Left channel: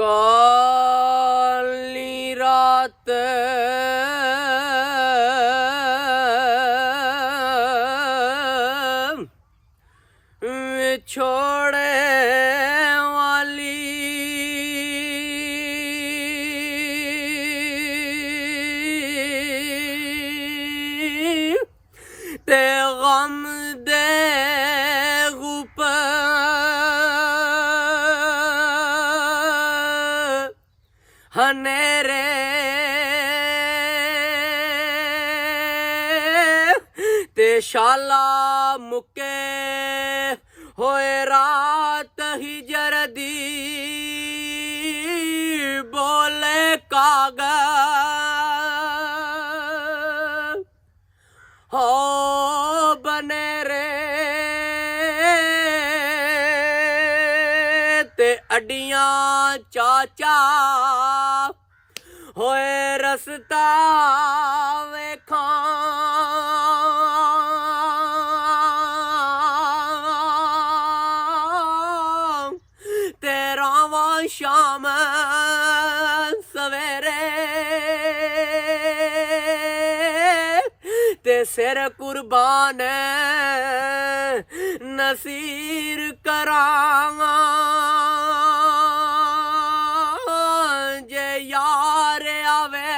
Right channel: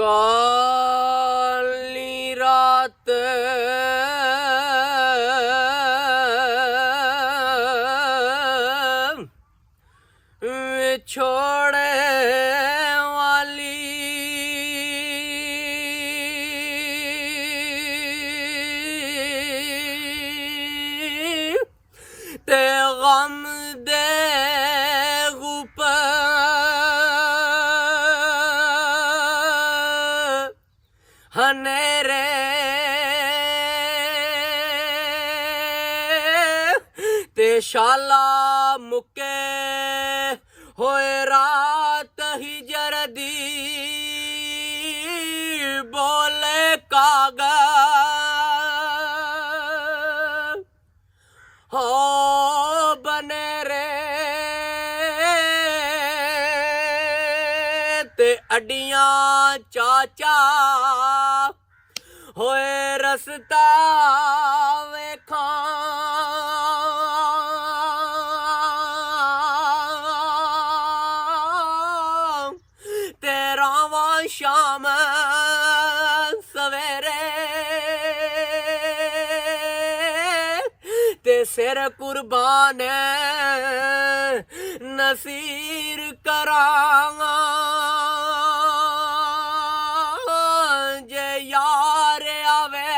काली रात छोड़े वाली ते गम दे हनेरे ते शाला मुके होए रात ही जरदी बोले कागा हो बने रे ते अड्डियां चाचा होए रस्ता वेखा तेरावा शाम सवेरे ते सिर कुर्बान नसीर करांगा जे यार आवे